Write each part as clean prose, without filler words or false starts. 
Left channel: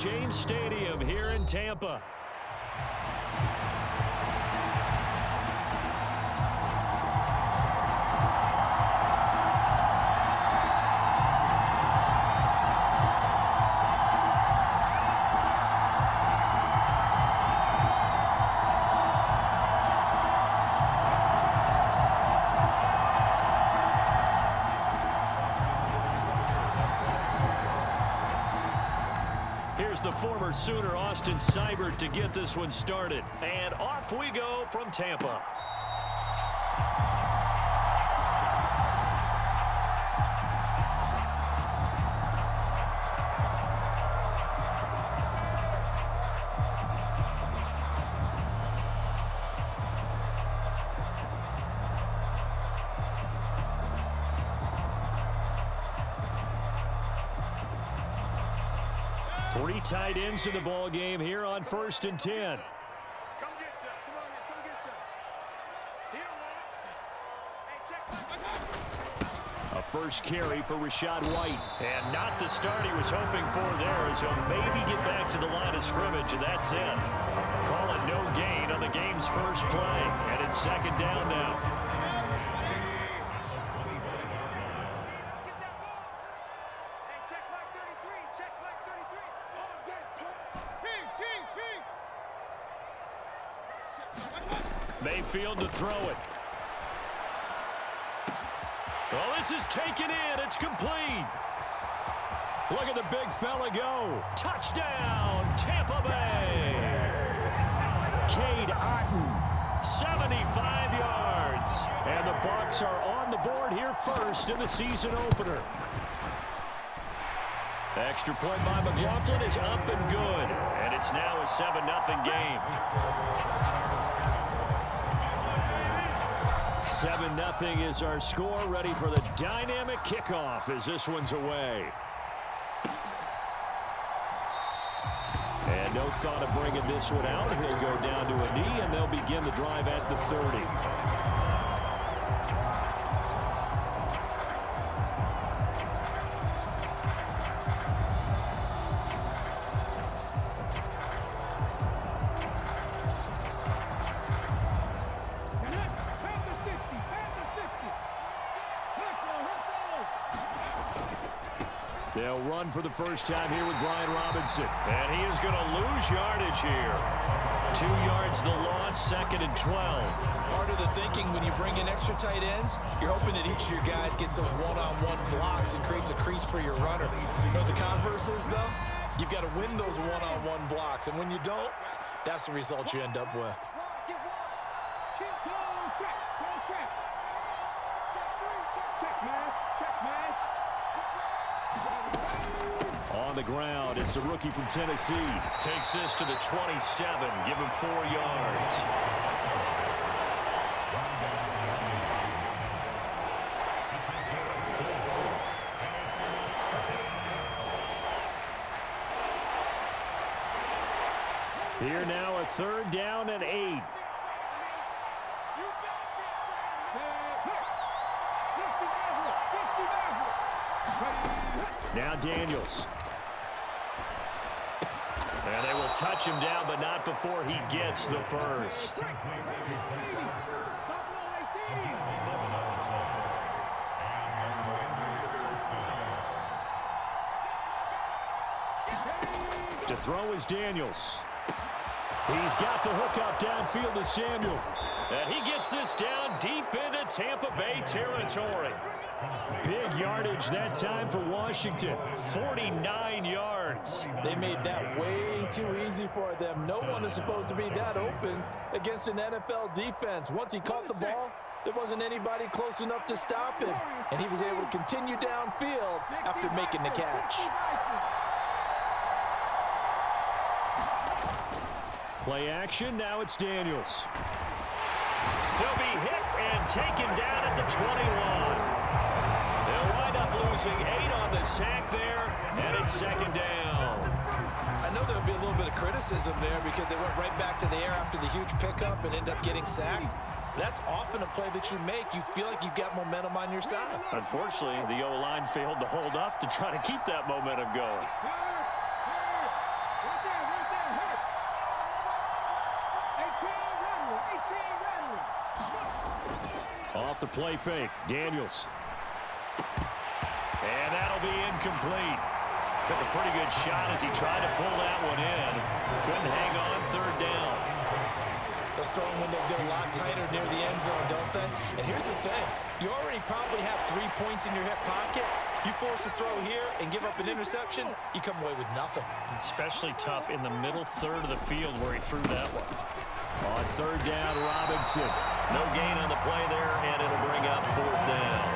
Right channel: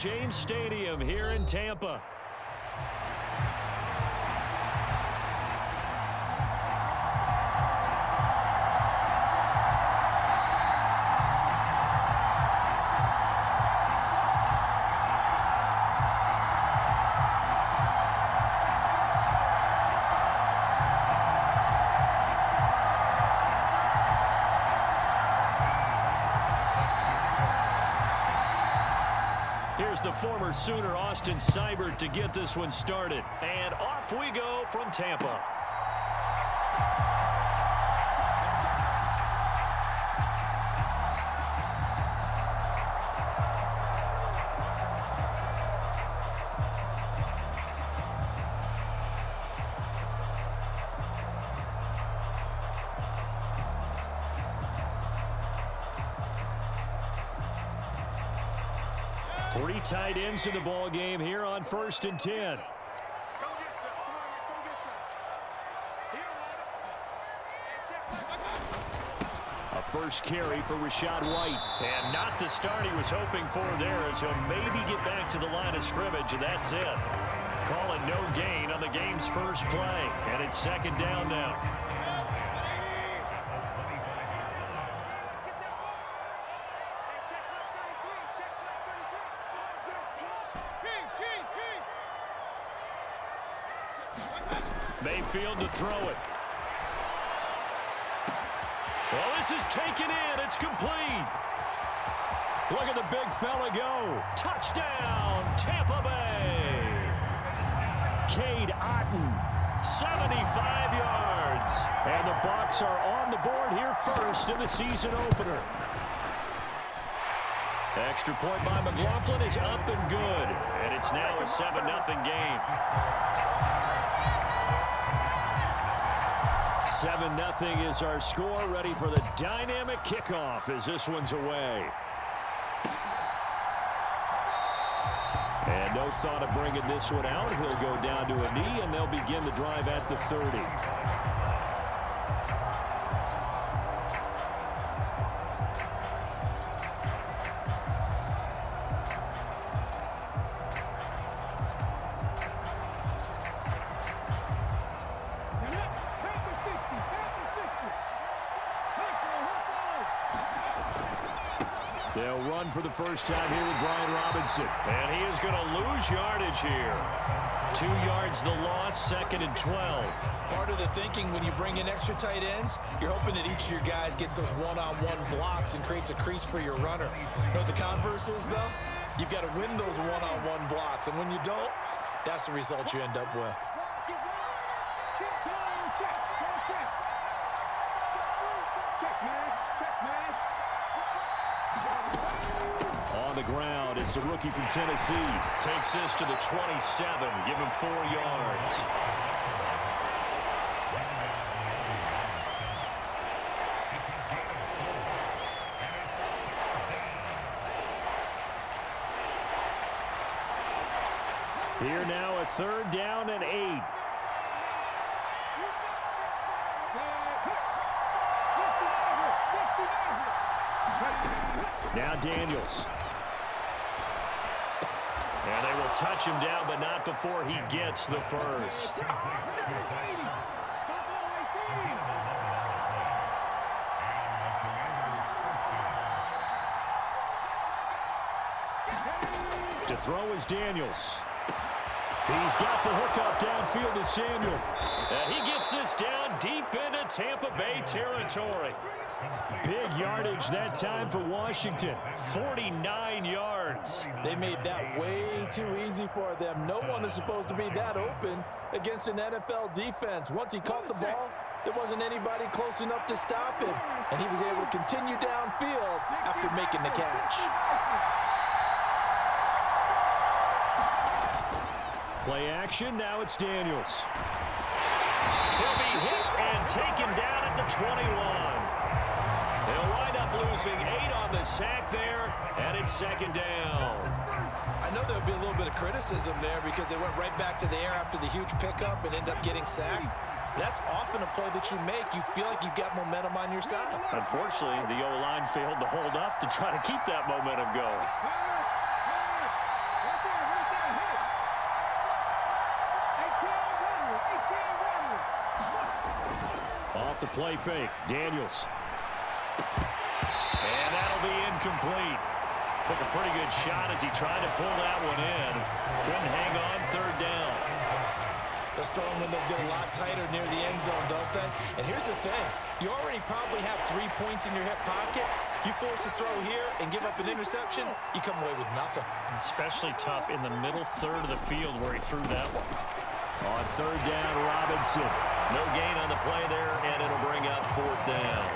James Stadium here in Tampa. Here's the former Sooner, Austin Seibert, to get this one started. And off we go from Tampa. Three tight ends in the ball game here on 1st and 10. Come get some. Come on here. Come get some. He don't want it. Hey, check. A first carry for Rachaad White. And not the start he was hoping for there, as he'll maybe get back to the line of scrimmage, and that's it. Call it no gain on the game's first play. And it's 2nd down now. Mayfield to throw it. Well, this is taken in. It's complete. Look at the big fella go. Touchdown, Tampa Bay. Cade Otton, 75 yards. And the Bucs are on the board here first in the season opener. Extra point by McLaughlin is up and good. And it's now a 7-0 game. 7-0 is our score, ready for the dynamic kickoff as this one's away. And no thought of bringing this one out. He'll go down to a knee, and they'll begin the drive at the 30. They'll run for the first time here with Brian Robinson. And he is going to lose yardage here. 2 yards the loss, 2nd and 12. Part of the thinking when you bring in extra tight ends, you're hoping that each of your guys gets those one-on-one blocks and creates a crease for your runner. You know what the converse is, though? You've got to win those one-on-one blocks. And when you don't, that's the result you end up with. On the ground, it's the rookie from Tennessee. Takes this to the 27. Give him 4 yards. Here now, a 3rd down and 8. Now Daniels. And they will touch him down, but not before he gets the first. To throw is Daniels. He's got the hook up downfield to Samuel. And he gets this down deep into Tampa Bay territory. Big yardage that time for Washington. 49 yards. They made that way too easy for them. No one is supposed to be that open against an NFL defense. Once he caught the ball, there wasn't anybody close enough to stop him. And he was able to continue downfield after making the catch. Play action, now it's Daniels. He'll be hit and taken down at the 21. They'll wind up losing 8 on the sack there, and it's 2nd down. I know there'll be a little bit of criticism there because they went right back to the air after the huge pickup and ended up getting sacked. That's often a play that you make. You feel like you've got momentum on your side. Unfortunately, the O-line failed to hold up to try to keep that momentum going. off the play fake. Daniels. And that'll be incomplete. Took a pretty good shot as he tried to pull that one in. Couldn't hang on third down. Those throwing windows get a lot tighter near the end zone, don't they? And here's the thing. You already probably have 3 points in your hip pocket. You force a throw here and give up an interception, you come away with nothing. Especially tough in the middle third of the field where he threw that one. On third down, Robinson. No gain on the play there, and it'll bring up fourth down.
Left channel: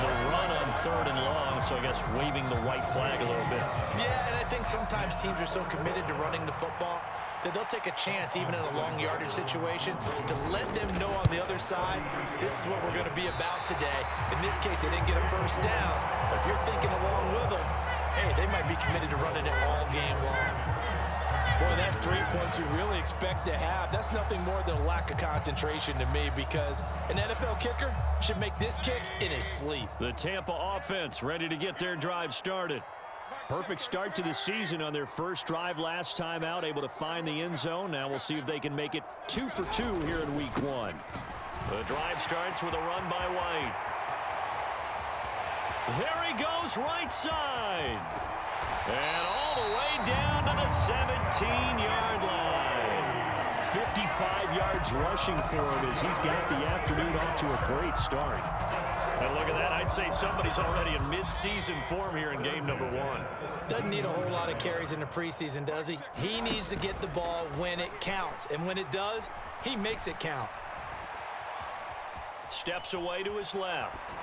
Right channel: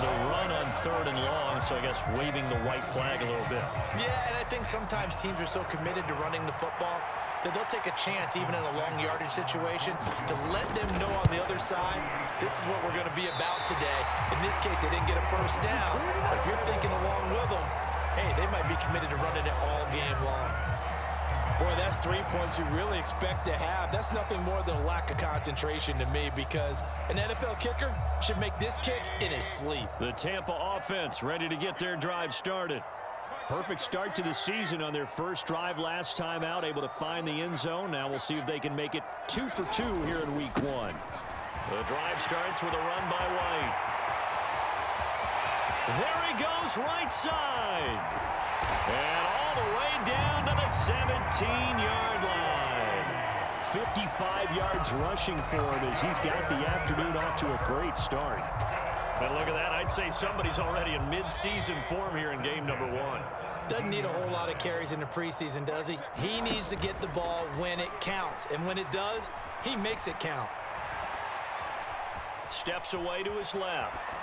The run on third and long, so I guess waving the white flag a little bit. Yeah, and I think sometimes teams are so committed to running the football that they'll take a chance, even in a long yardage situation, to let them know on the other side, this is what we're going to be about today. In this case, they didn't get a first down, but if you're thinking along with them, hey, they might be committed to running it all game long. Boy, that's 3 points you really expect to have. That's nothing more than a lack of concentration to me, because an NFL kicker should make this kick in his sleep. The Tampa offense ready to get their drive started. Perfect start to the season on their first drive last time out, able to find the end zone. Now we'll see if they can make it 2 for 2 here in week 1. The drive starts with a run by White. There he goes, right side. And all the way down to the 17-yard line. 55 yards rushing for him as he's got the afternoon off to a great start. And look at that. I'd say somebody's already in mid-season form here in game number 1. Doesn't need a whole lot of carries in the preseason, does he? He needs to get the ball when it counts. And when it does, he makes it count. Steps away to his left.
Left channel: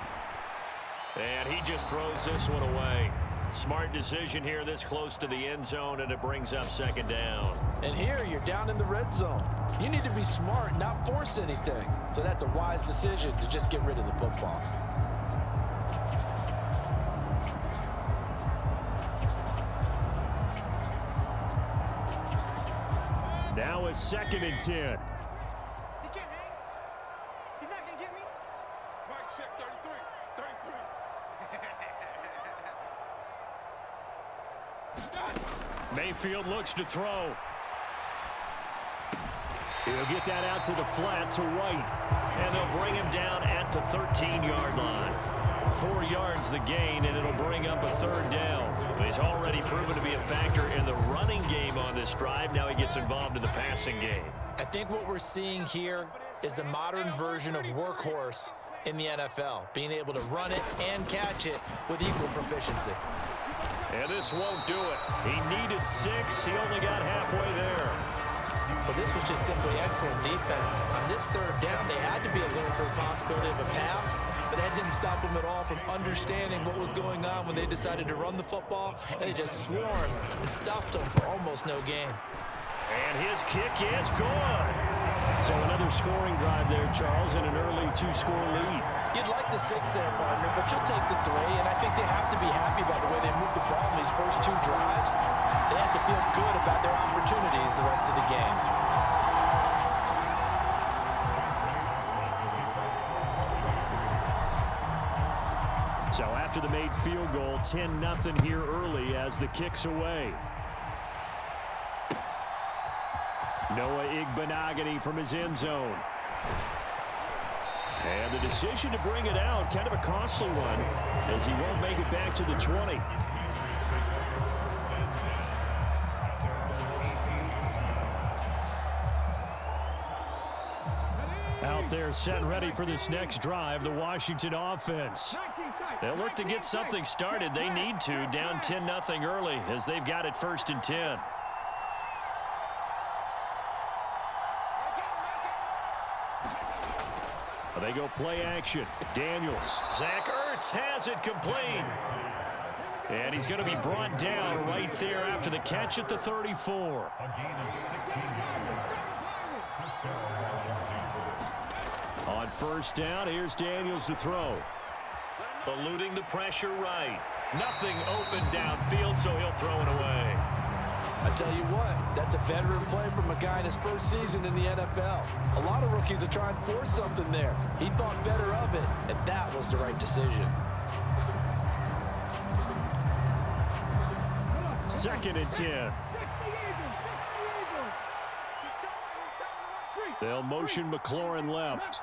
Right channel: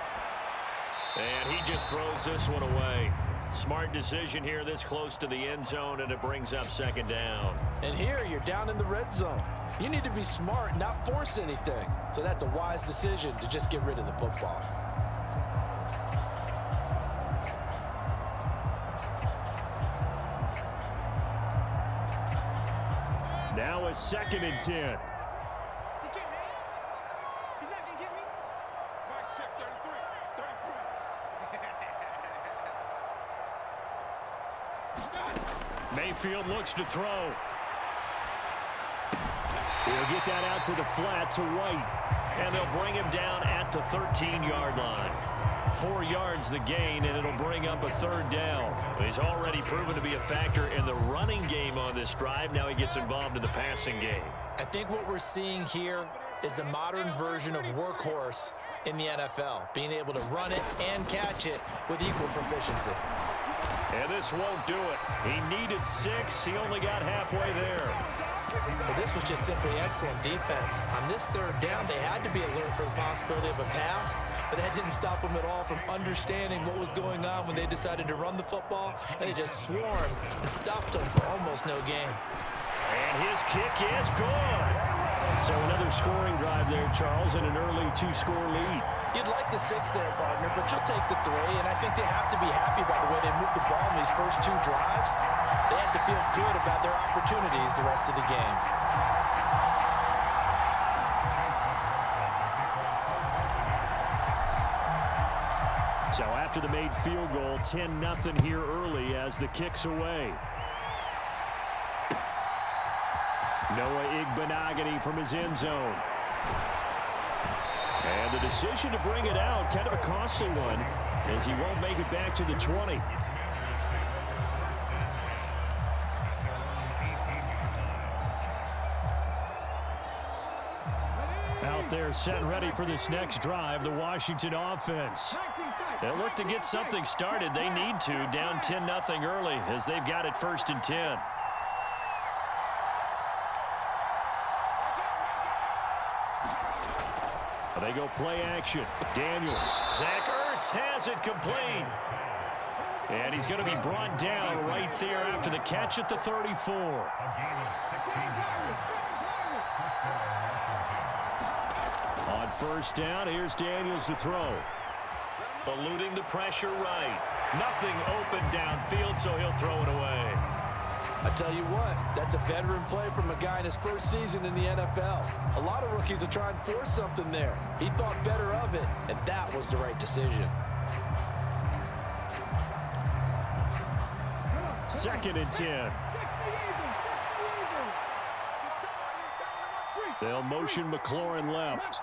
And he just throws this one away. Smart decision here this close to the end zone, and it brings up second down. And here you're down in the red zone. You need to be smart, not force anything. So that's a wise decision to just get rid of the football. Now a 2nd and 10. He can't hang. He's not going to get me. Mike, check 33. 33. Mayfield looks to throw. He'll get that out to the flat to White. And they'll bring him down at the 13-yard line. 4 yards the gain, and it'll bring up a third down. He's already proven to be a factor in the running game on this drive. Now he gets involved in the passing game. I think what we're seeing here is the modern version of workhorse in the NFL, being able to run it and catch it with equal proficiency. And this won't do it. He needed 6. He only got halfway there. But this was just simply excellent defense. On this third down, they had to be alert for the possibility of a pass, but that didn't stop them at all from understanding what was going on when they decided to run the football, and they just swarmed and stopped them for almost no gain. And his kick is good. So another scoring drive there, Charles, and an early 2-score lead. You'd like the 6 there, partner, but you'll take the 3, and I think they have to be happy about the way they moved the ball in these first 2 drives. They have to feel good about their opportunities the rest of the game. So after the made field goal, 10-0 here early as the kick's away. Noah Igbenogany from his end zone. And the decision to bring it out, kind of a costly one, as he won't make it back to the 20. Out there set and ready for this next drive, the Washington offense. They'll look to get something started. They need to, down 10-0 early as they've got it 1st and 10. They go play action. Daniels. Zach Ertz has it complete. And he's going to be brought down right there after the catch at the 34. On first down, here's Daniels to throw. Eluding the pressure right. Nothing open downfield, so he'll throw it away. I tell you what, that's a veteran play from a guy in his first season in the NFL. A lot of rookies are trying to force something there. He thought better of it, and that was the right decision. 2nd and 10. They'll motion McLaurin left.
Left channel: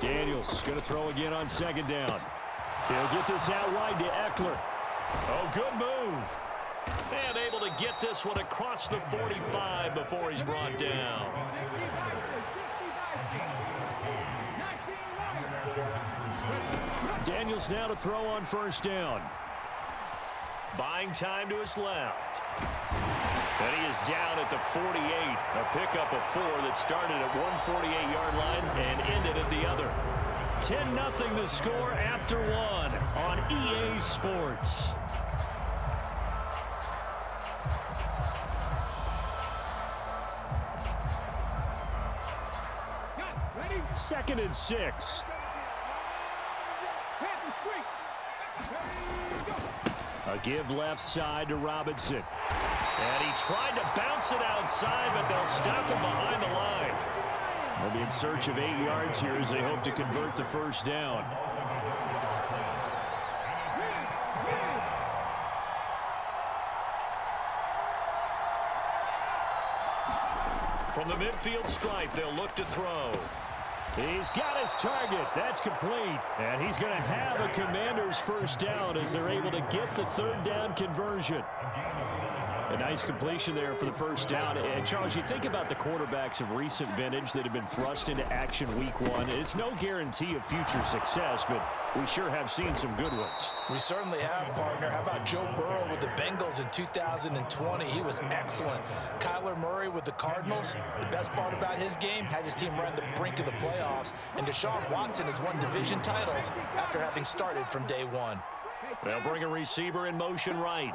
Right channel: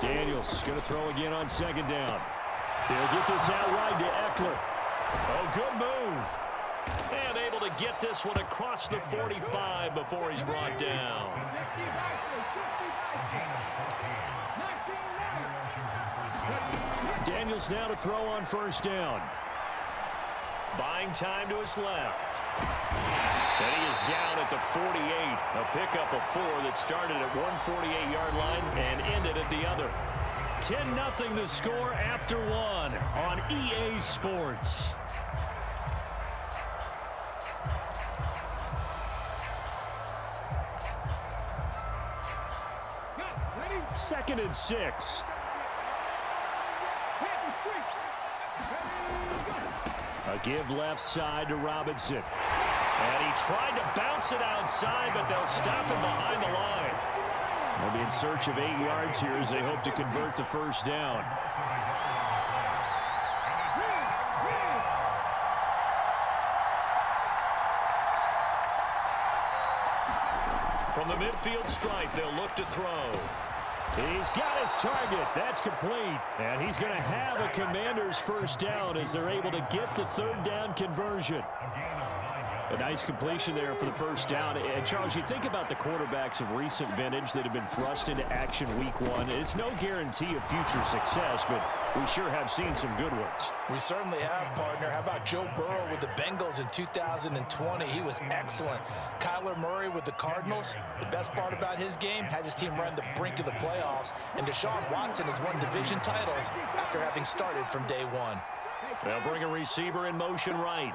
Daniels going to throw again on second down. He'll get this out wide to Eckler. Oh, good move. And able to get this one across the 45 before he's brought down. Daniels now to throw on first down. Buying time to his left. And he is down at the 48. A pickup of 4 that started at 148-yard line and ended at the other. 10-0 the score after 1 on EA Sports. Second and 6. A give left side to Robinson. And he tried to bounce it outside, but they'll stop him behind the line. They'll be in search of 8 yards here as they hope to convert the first down. From the midfield stripe, they'll look to throw. He's got his target. That's complete. And he's going to have a Commanders first down as they're able to get the third down conversion. A nice completion there for the first down. And Charles, you think about the quarterbacks of recent vintage that have been thrust into action week 1. It's no guarantee of future success, but we sure have seen some good ones. We certainly have, partner. How about Joe Burrow with the Bengals in 2020? He was excellent. Kyler Murray with the Cardinals. The best part about his game, has his team run the brink of the playoffs. And Deshaun Watson has won division titles after having started from day 1. They'll bring a receiver in motion right.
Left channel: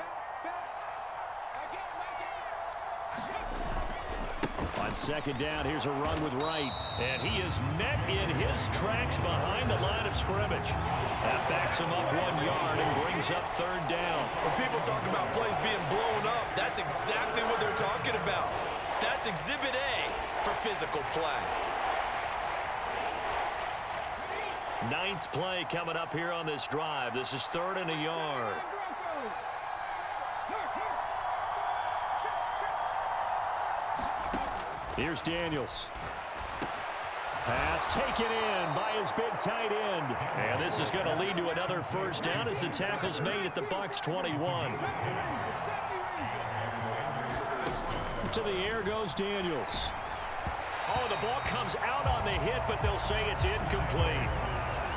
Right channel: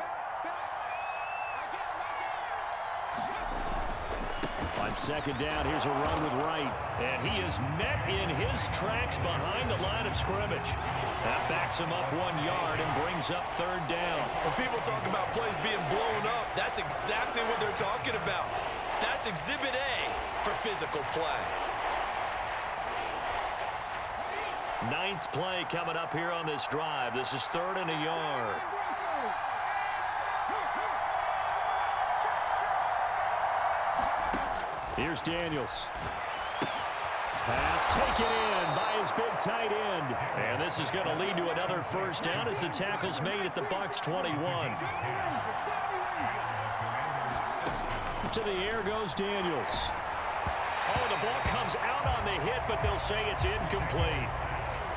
On second down, here's a run with Wright. And he is met in his tracks behind the line of scrimmage. That backs him up 1 yard and brings up third down. When people talk about plays being blown up, that's exactly what they're talking about. That's Exhibit A for physical play. 9th play coming up here on this drive. This is 3rd and a yard. Here's Daniels. Pass taken in by his big tight end. And this is going to lead to another first down as the tackle's made at the Bucs 21. To the air goes Daniels. Oh, the ball comes out on the hit, but they'll say it's incomplete.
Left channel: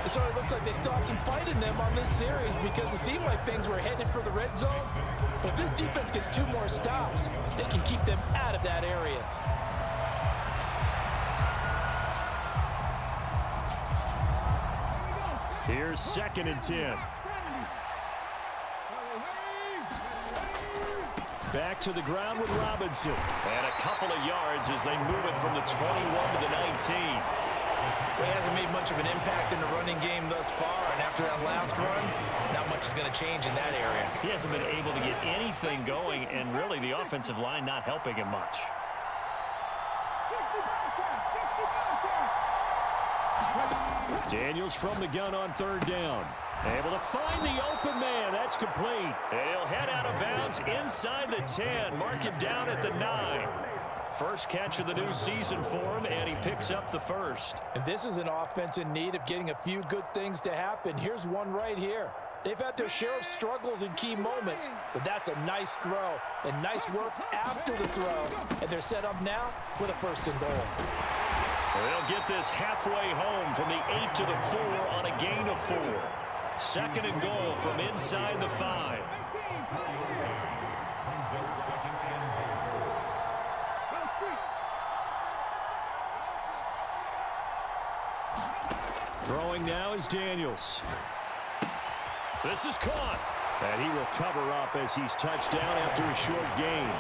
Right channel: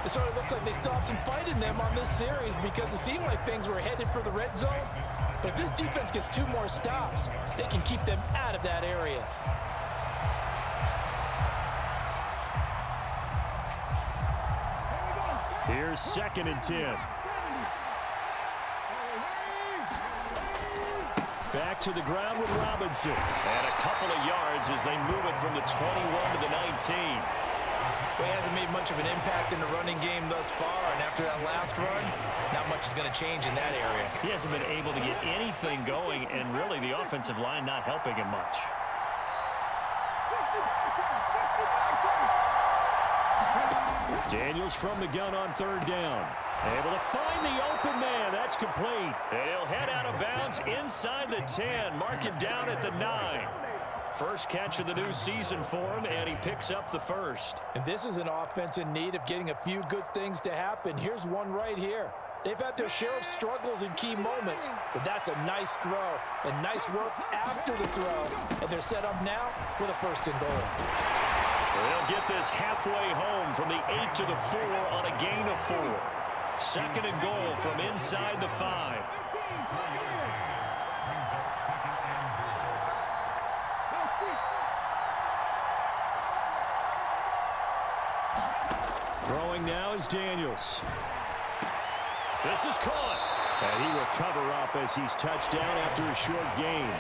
It sort of looks like they still have some fight in them on this series because it seemed like things were headed for the red zone. But if this defense gets 2 more stops, they can keep them out of that area. Here's 2nd and 10. Back to the ground with Robinson. And a couple of yards as they move it from the 21 to the 19. Well, he hasn't made much of an impact in the running game thus far, and after that last run, not much is going to change in that area. He hasn't been able to get anything going, and really the offensive line not helping him much. Daniels from the gun on 3rd down. Able to find the open man. That's complete. And he'll head out of bounds inside the 10. Mark him down at the 9. First catch of the new season for him, and he picks up the first. And this is an offense in need of getting a few good things to happen. Here's one right here. They've had their share of struggles in key moments, but that's a nice throw and nice work after the throw. And they're set up now with a 1st and goal. They'll get this halfway home from the 8 to the 4 on a gain of 4. 2nd and goal from inside the 5. Throwing now is Daniels. This is caught. And he will cover up as he's touched down after a short gain.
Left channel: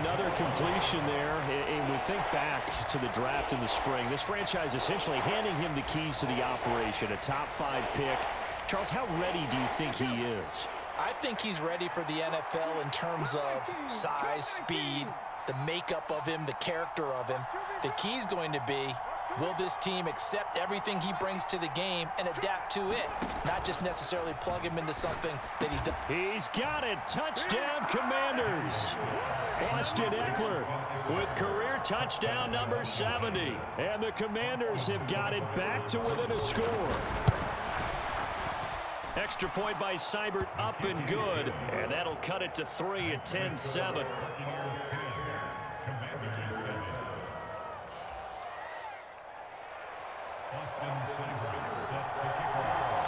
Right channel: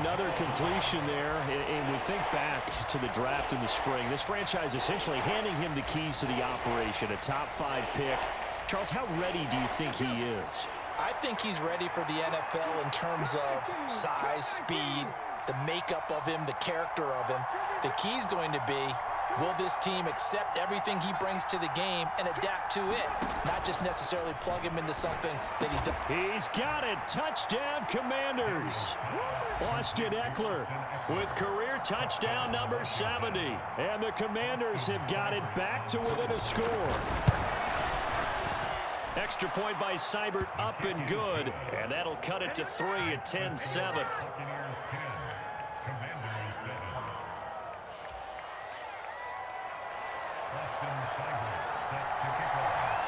Another completion there, and we think back to the draft in the spring. This franchise essentially handing him the keys to the operation, a top 5 pick. Charles, how ready do you think he is? I think he's ready for the NFL in terms of size, speed, the makeup of him, the character of him. The key's going to be, will this team accept everything he brings to the game and adapt to it, not just necessarily plug him into something that he does. He's got it. Touchdown, Commanders. Austin Eckler with career touchdown number 70. And the Commanders have got it back to within a score. Extra point by Seibert, up and good. And that'll cut it to 3 at 10-7.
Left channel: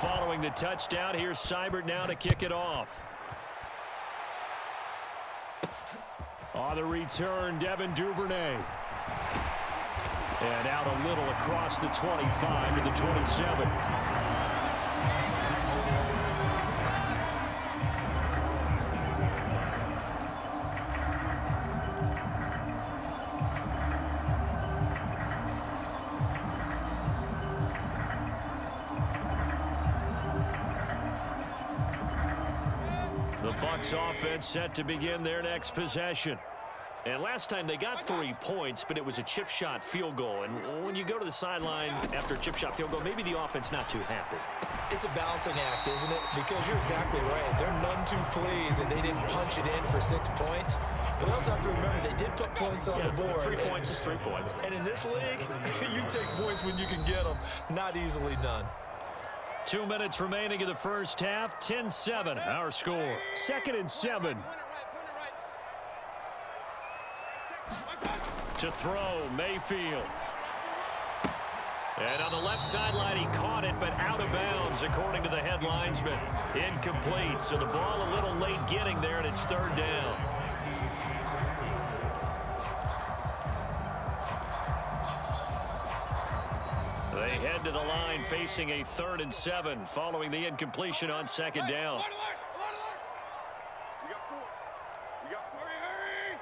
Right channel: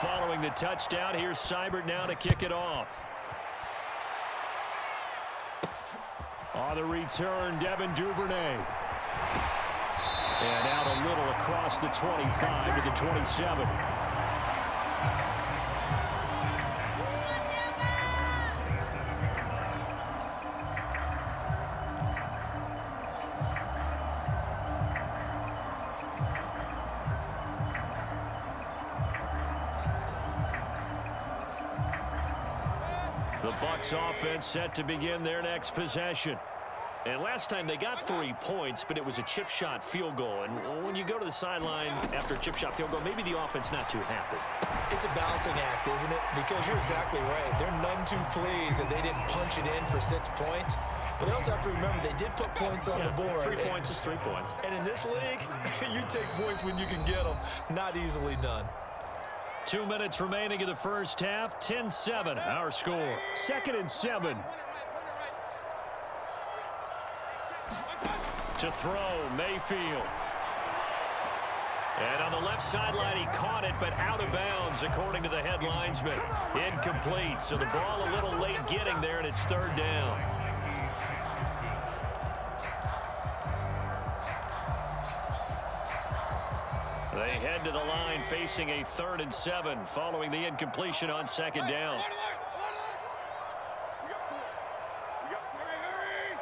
Following the touchdown, here's Seibert now to kick it off. On the return, Devin Duvernay. And out a little across the 25 to the 27. The Bucs offense set to begin their next possession. And last time they got 3 points, but it was a chip shot field goal. And when you go to the sideline after a chip shot field goal, maybe the offense not too happy. It's a balancing act, isn't it? Because you're exactly right. They're none too pleased that they didn't punch it in for 6 points. But they also have to remember they did put points on the board. 3 points is 3 points. And in this league, you take points when you can get them. Not easily done. 2 minutes remaining in the first half. 10-7, our score. 2nd and 7. To throw, Mayfield. And on the left sideline, he caught it, but out of bounds, according to the head linesman. Incomplete, so the ball a little late getting there, and it's 3rd down. They head to the line facing a 3rd and 7 following the incompletion on 2nd down. We got 4. We got 4. Hurry!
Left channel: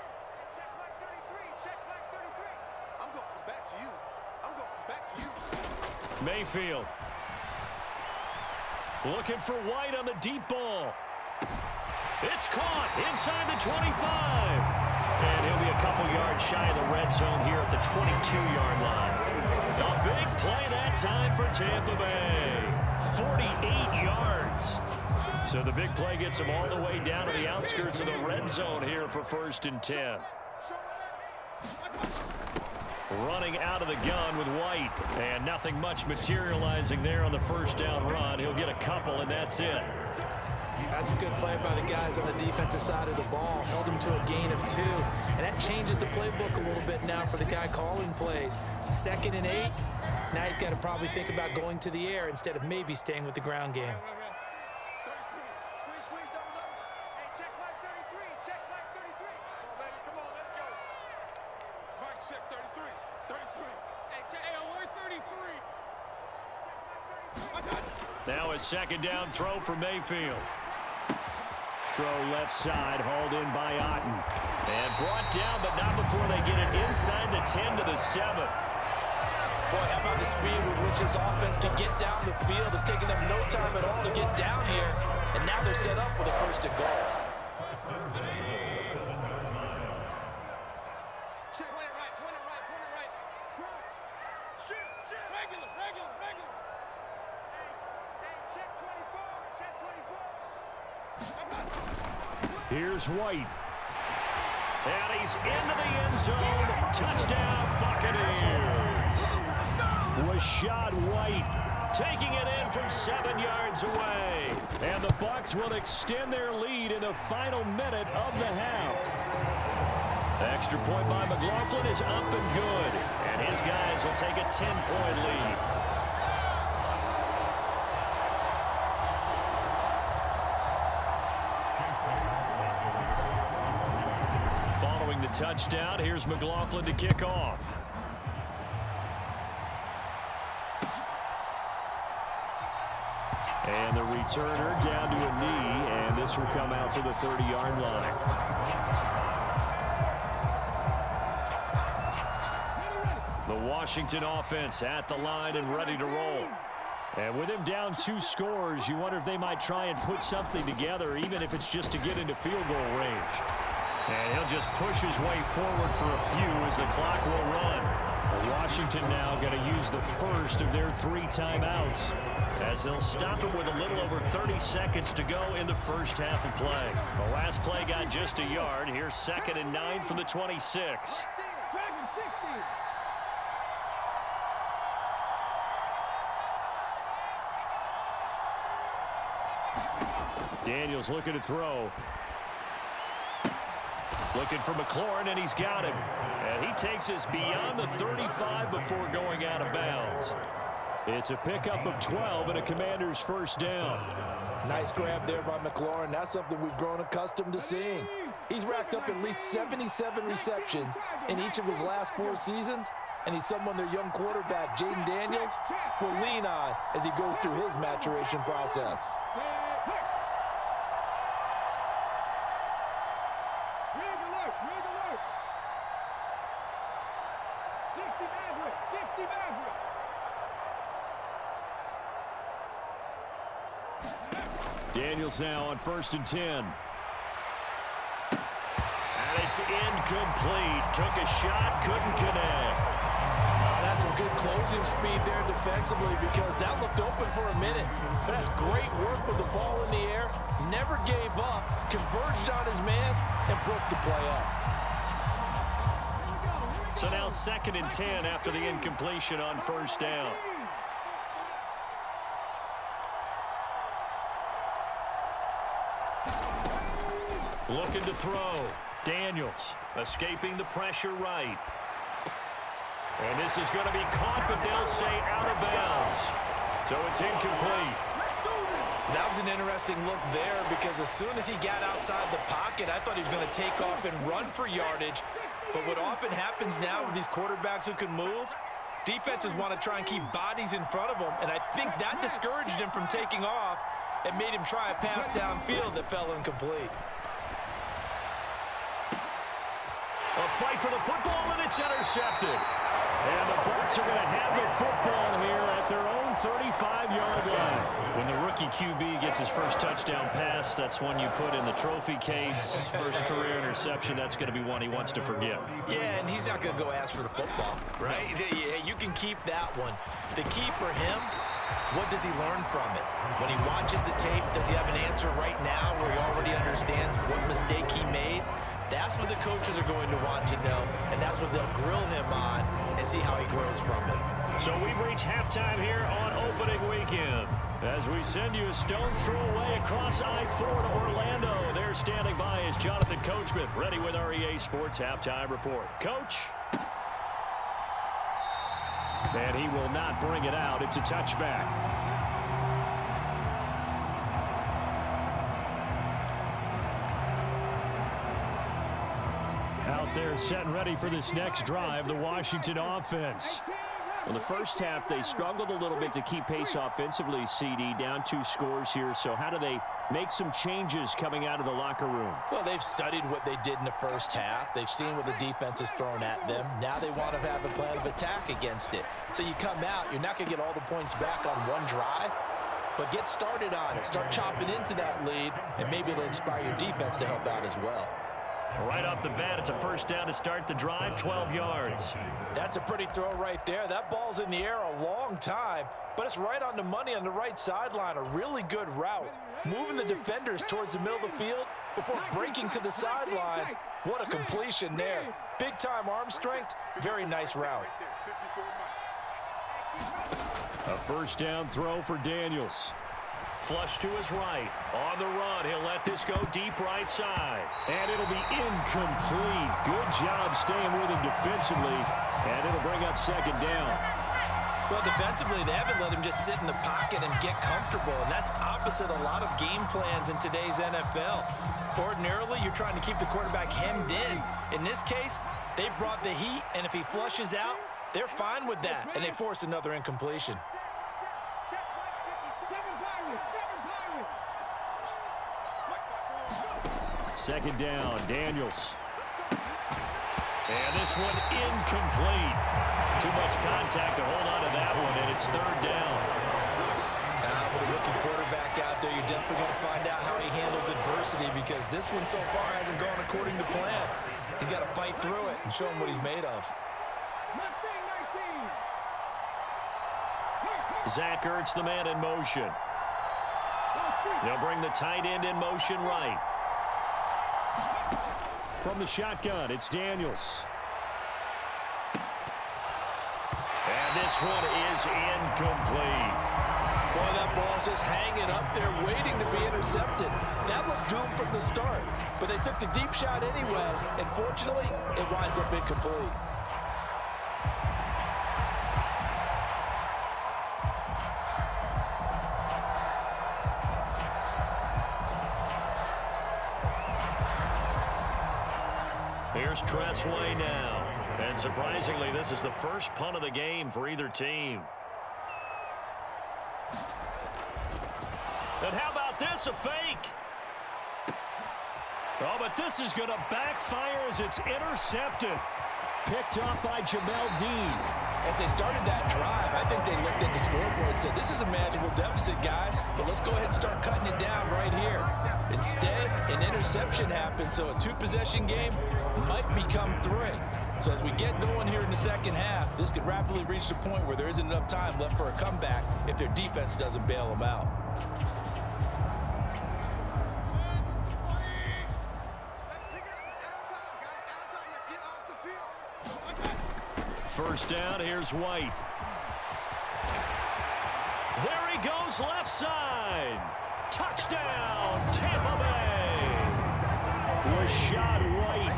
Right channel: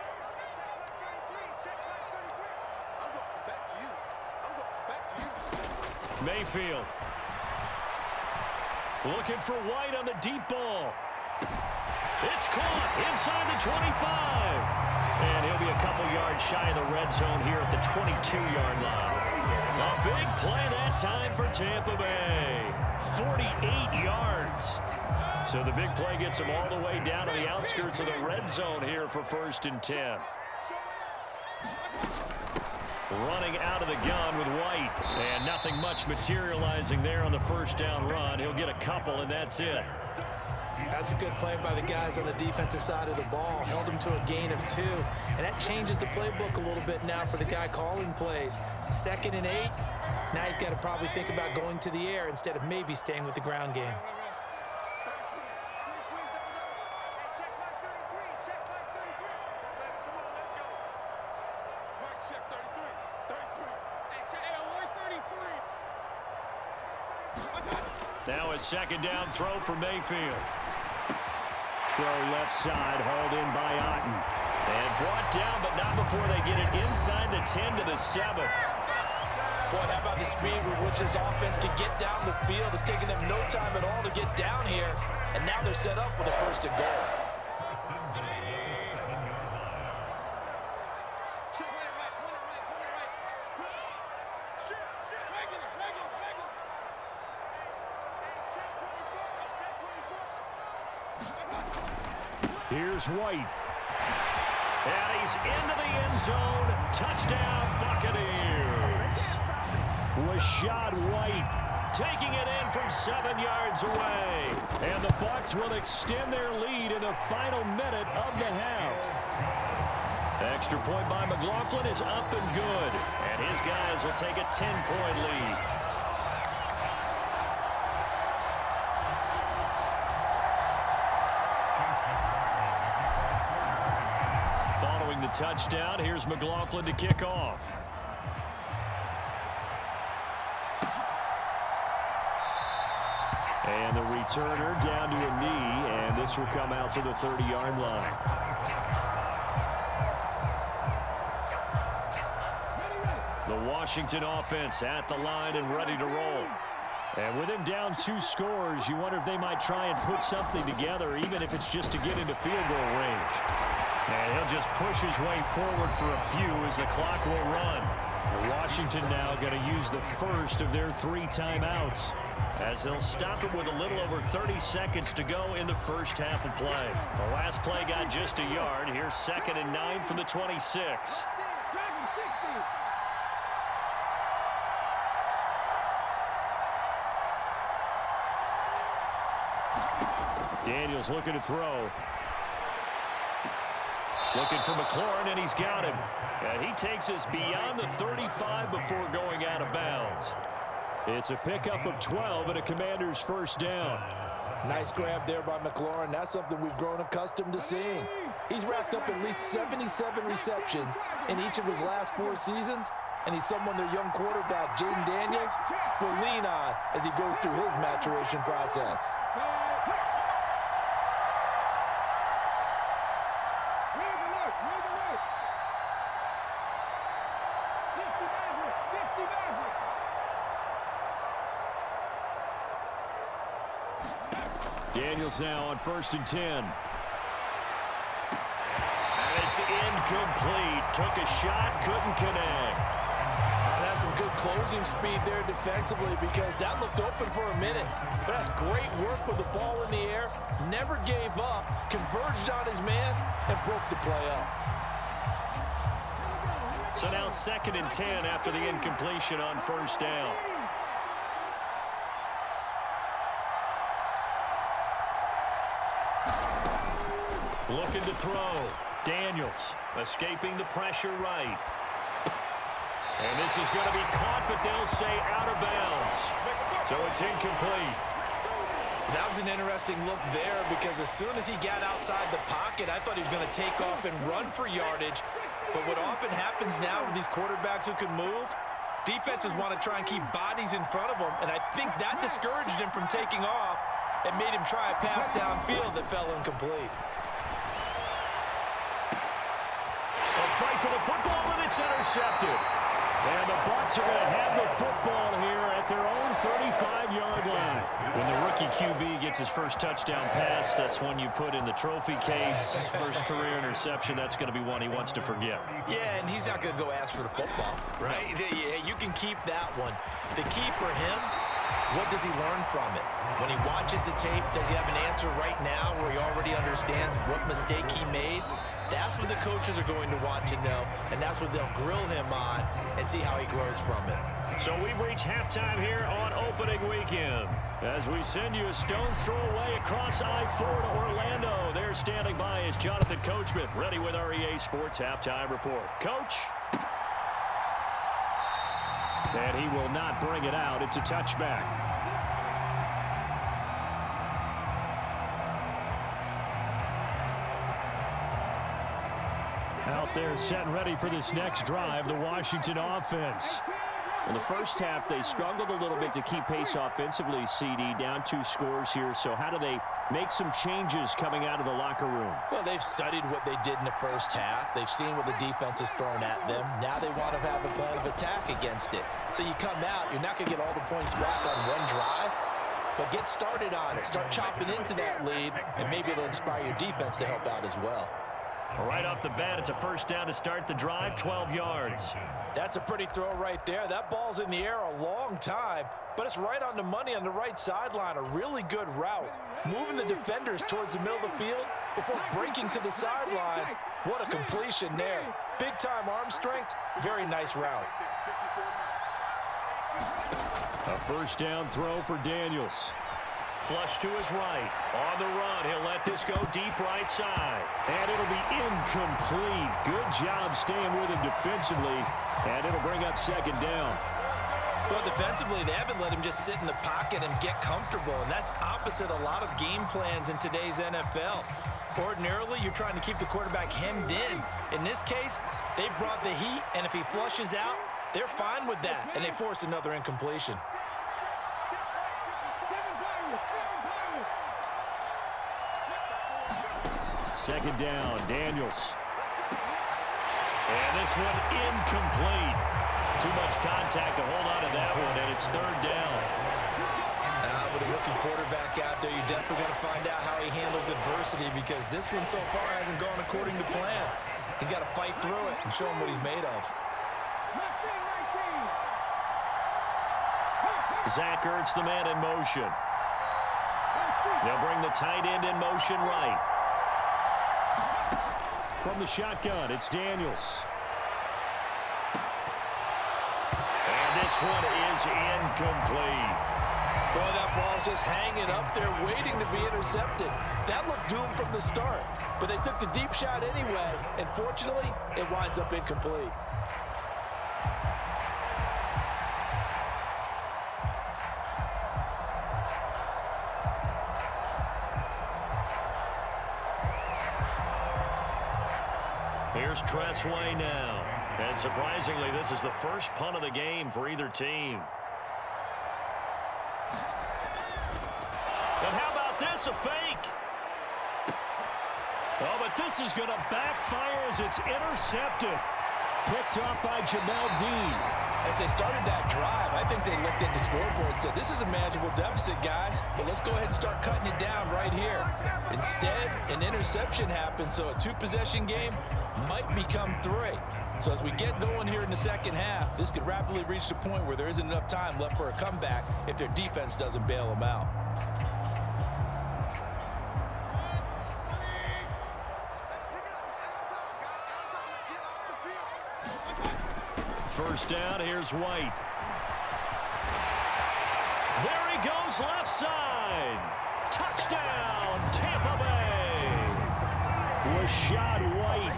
Check flag 33. Check flag 33. I'm going to come back to you. I'm going to come back to you. Mayfield. Looking for White on the deep ball. It's caught inside the 25. And he'll be a couple yards shy of the red zone here at the 22-yard line. A big play that time for Tampa Bay. 48 yards. So the big play gets them all the way down to the outskirts of the red zone here for 1st and 10. Running out of the gun with White. And nothing much materializing there on the 1st down run. He'll get a couple, and that's it. That's a good play by the guys on the defensive side of the ball. Held him to a gain of 2. And that changes the playbook a little bit now for the guy calling plays. 2nd and 8. Now he's got to probably think about going to the air instead of maybe staying with the ground game. 33. Please squeeze double. Hey, check flag 33. Check flag 33. Come on, baby. Come on, let's go. Mike, check 33. 33. Hey, check. Hey, alert 33. Check flag 33. Now a 2nd down throw for Mayfield. Throw left side, hauled in by Otten. And brought down, but not before they get it inside the 10 to the 7. Boy, how about the speed with which this offense can get down the field? It's taking them no time at all to get down here. And now they're set up with a 1st and goal. Check. Point it right. Point it right. Point it right. Shit. Regular. Hey, check 24. Check 24. Here's White. And he's into the end zone. Touchdown, Buccaneers. Rashad White taking it in from 7 yards away. And the Bucs will extend their lead in the final minute of the half. Extra point by McLaughlin is up and good. And his guys will take a 10-point lead. Following the touchdown, here's McLaughlin to kick off. And the returner down to a knee, and this will come out to the 30-yard line. The Washington offense at the line and ready to roll. And with him down 2 scores, you wonder if they might try and put something together, even if it's just to get into field goal range. And he'll just push his way forward for a few as the clock will run. And Washington now going to use the first of their 3 timeouts, as they'll stop it with a little over 30 seconds to go in the first half of play. The last play got just a yard. Here's 2nd and 9 from the 26. Daniels looking to throw. Looking for McLaurin, and he's got him. And he takes us beyond the 35 before going out of bounds. It's a pickup of 12 and a Commanders first down. Nice grab there by McLaurin. That's something we've grown accustomed to seeing. He's racked up at least 77 receptions in each of his last 4 seasons, and he's someone their young quarterback, Jaden Daniels, will lean on as he goes through his maturation process. Daniels now on 1st and 10. And it's incomplete. Took a shot, couldn't connect. That's some good closing speed there defensively, because that looked open for a minute. But that's great work with the ball in the air. Never gave up, converged on his man, and broke the play up. So now 2nd and 10 after the incompletion on 1st down. Looking to throw. Daniels escaping the pressure right. And this is going to be caught, but they'll say out of bounds. So it's incomplete. That was an interesting look there, because as soon as he got outside the pocket, I thought he was going to take off and run for yardage. But what often happens now with these quarterbacks who can move, defenses want to try and keep bodies in front of them, and I think that discouraged him from taking off and made him try a pass downfield that fell incomplete. A fight for the football, and it's intercepted. And the Bucs are going to have the football here at their own 35-yard line. When the rookie QB gets his first touchdown pass, that's one you put in the trophy case. First career interception, that's going to be one he wants to forget. Yeah, and he's not going to go ask for the football, right? Yeah, you can keep that one. The key for him, what does he learn from it? When he watches the tape, does he have an answer right now where he already understands what mistake he made? That's what the coaches are going to want to know, and that's what they'll grill him on and see how he grows from it. So we've reached halftime here on opening weekend. As we send you a stone's throw away across I-4 to Orlando. There standing by is Jonathan Coachman, ready with our EA Sports Halftime Report. Coach. And he will not bring it out. It's a touchback. Out there set and ready for this next drive, the Washington offense. In the first half, they struggled a little bit to keep pace offensively, CD, down 2 scores here. So how do they make some changes coming out of the locker room? Well, they've studied what they did in the first half. They've seen what the defense has thrown at them. Now they want to have a plan of attack against it. So you come out, you're not going to get all the points back on one drive, but get started on it. Start chopping into that lead, and maybe it'll inspire your defense to help out as well. Right off the bat, it's a first down to start the drive, 12 yards. That's a pretty throw right there. That ball's in the air a long time, but it's right on the money on the right sideline. A really good route. Moving the defenders towards the middle of the field before breaking to the sideline. What a completion there. Big-time arm strength. Very nice route. A first down throw for Daniels. Flush to his right. On the run, he'll let this go deep right side. And it'll be incomplete. Good job staying with him defensively. And it'll bring up second down. Well, defensively, they haven't let him just sit in the pocket and get comfortable. And that's opposite a lot of game plans in today's NFL. Ordinarily, you're trying to keep the quarterback hemmed in. In this case, they brought the heat, and if he flushes out, they're fine with that. And they force another incompletion. Second down, Daniels. And this one incomplete. Too much contact to hold on to that one, and it's third down. With a rookie quarterback out there, you're definitely going to find out how he handles adversity, because this one so far hasn't gone according to plan. He's got to fight through it and show him what he's made of. Zach Ertz, the man in motion. They'll bring the tight end in motion right. From the shotgun, it's Daniels. And this one is incomplete. Boy, that ball's just hanging up there waiting to be intercepted. That looked doomed from the start. But they took the deep shot anyway, and fortunately, it winds up incomplete. Here's Tressway now. And surprisingly, this is the first punt of the game for either team. And how about this, a fake? Oh, but this is going to backfire as it's intercepted. Picked off by Jamel Dean. As they started that drive, I think they looked at the scoreboard and said, this is a manageable deficit, guys, but let's go ahead and start cutting it down right here. Instead, an interception happened, so a two-possession game might become three. So as we get going here in the second half, this could rapidly reach the point where there isn't enough time left for a comeback if their defense doesn't bail them out. First down, here's White. There he goes, left side. Touchdown, Tampa Bay. Rashad White,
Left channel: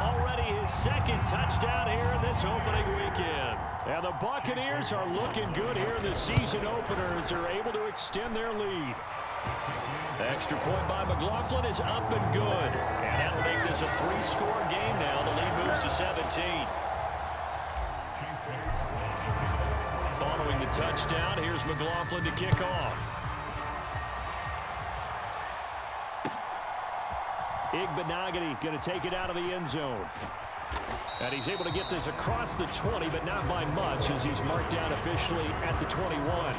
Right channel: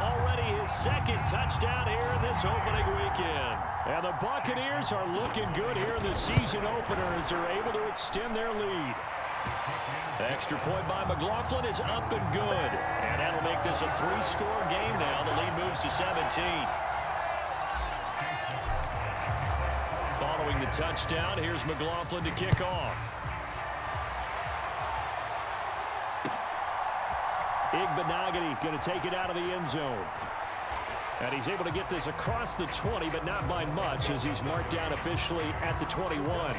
already his second touchdown here in this opening weekend. And the Buccaneers are looking good here in the season opener as they're able to extend their lead. Extra point by McLaughlin is up and good. And that'll make this a three-score game now. The lead moves to 17. Following the touchdown, here's McLaughlin to kick off. Igbenogany going to take it out of the end zone. And he's able to get this across the 20, but not by much as he's marked down officially at the 21.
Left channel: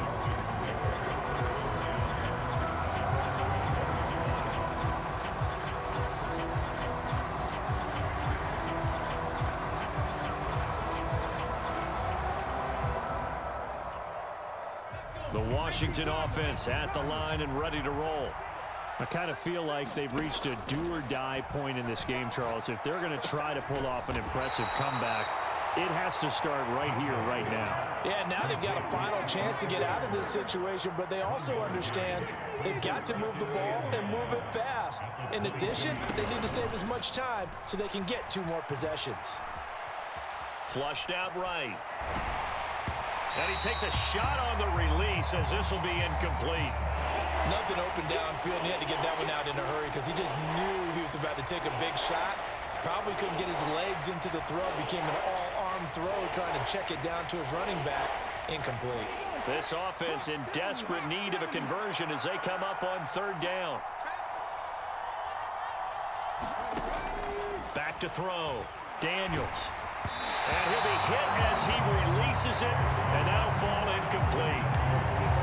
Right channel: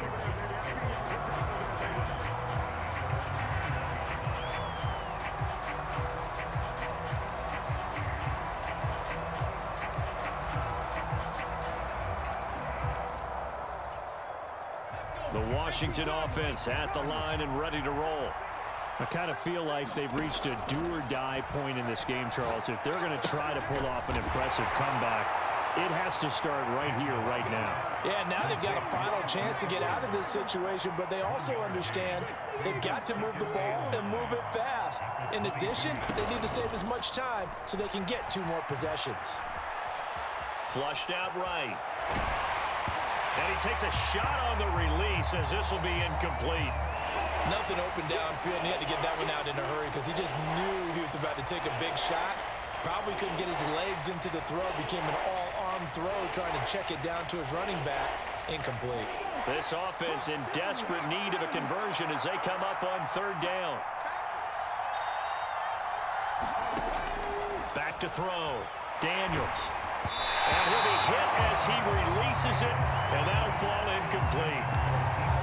The Washington offense at the line and ready to roll. I kind of feel like they've reached a do-or-die point in this game, Charles. If they're going to try to pull off an impressive comeback, it has to start right here, right now. Yeah, now they've got a final chance to get out of this situation, but they also understand they've got to move the ball and move it fast. In addition, they need to save as much time so they can get 2 more possessions. Flushed out right. And he takes a shot on the release as this will be incomplete. Nothing open downfield, and he had to get that one out in a hurry because he just knew he was about to take a big shot. Probably couldn't get his legs into the throw. Became an all-arm throw trying to check it down to his running back. Incomplete. This offense in desperate need of a conversion as they come up on 3rd down. Back to throw. Daniels. And he'll be hit as he releases it, and that'll fall incomplete.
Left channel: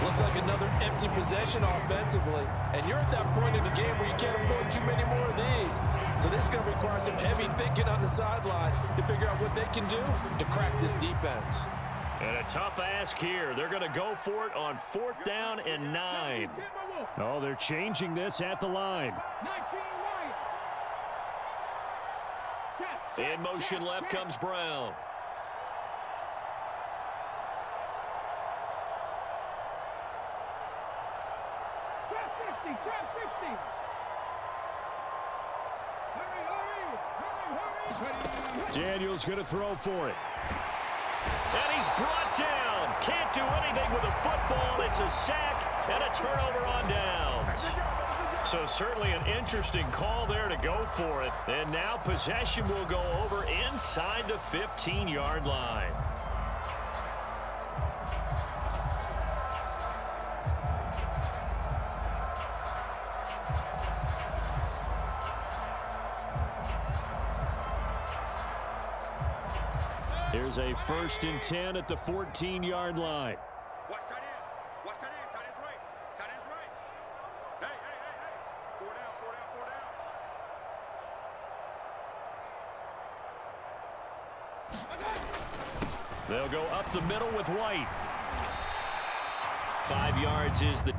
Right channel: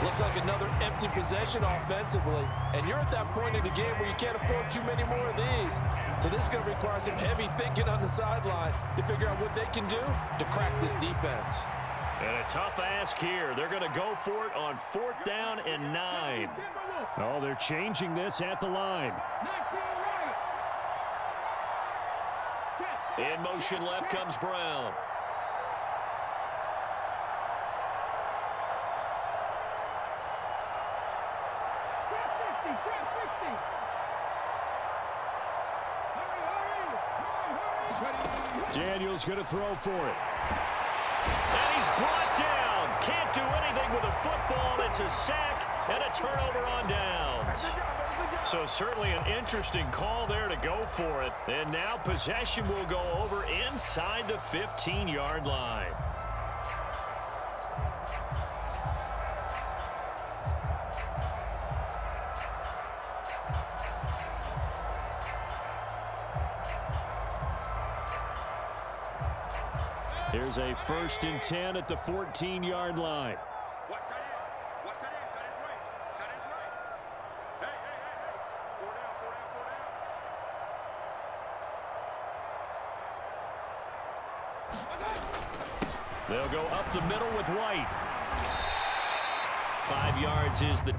Looks like another empty possession offensively, and you're at that point in the game where you can't afford too many more of these. So this is going to require some heavy thinking on the sideline to figure out what they can do to crack this defense. And a tough ask here. They're going to go for it on 4th down and 9. Oh, they're changing this at the line. In motion left comes Brown. Trap 60. Hurry. Daniels going to throw for it. And he's brought down. Can't do anything with a football. It's a sack and a turnover on downs. So certainly an interesting call there to go for it. And now possession will go over inside the 15-yard line. Here's a 1st and 10 at the 14-yard line. Watch tight end. Watch tight end. Tight end's right. Tight end's right. Hey. 4 down. They'll go up the middle with White. 5 yards is the